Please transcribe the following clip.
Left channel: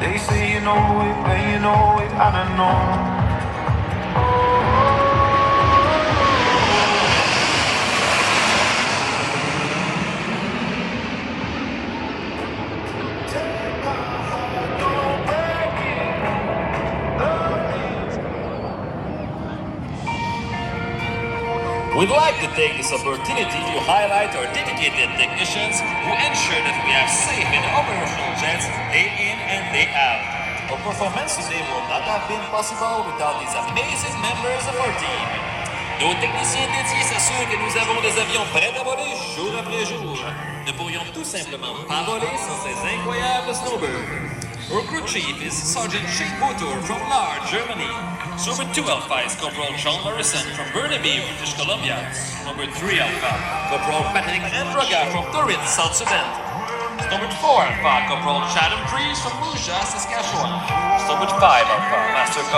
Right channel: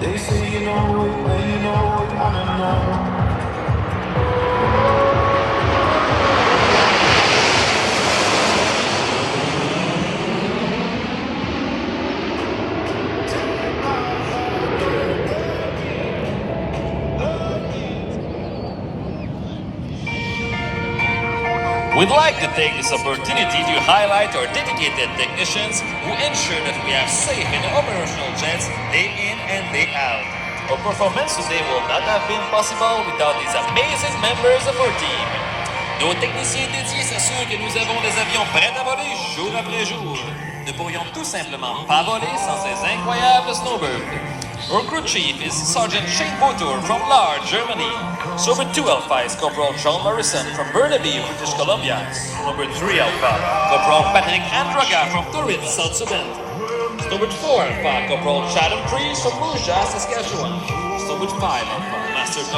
They say you know it, when you know it, I don't know. We'd like to take this opportunity to highlight our dedicated technicians who ensure that we have safe and operational jets day in and day out. Our performance today will not have been possible without these amazing members of our team. Nos techniciens dédiés s'assurent que nous avons des avions prêts à voler jour après jour. Ne pourrions tout simplement pas voler sans ces incroyables snowbirds. Our crew chief is Sergeant Shane Botur from Lahr, Germany. Number 2 Alpha is Corporal John Morrison from Burnaby, British Columbia. Number 3 Alpha, Corporal Patrick Andraga from Torrance, South Sudan. Number 4 Alpha, Corporal Chad Priest from Rouge, Saskatchewan. Number 5 Alpha, Master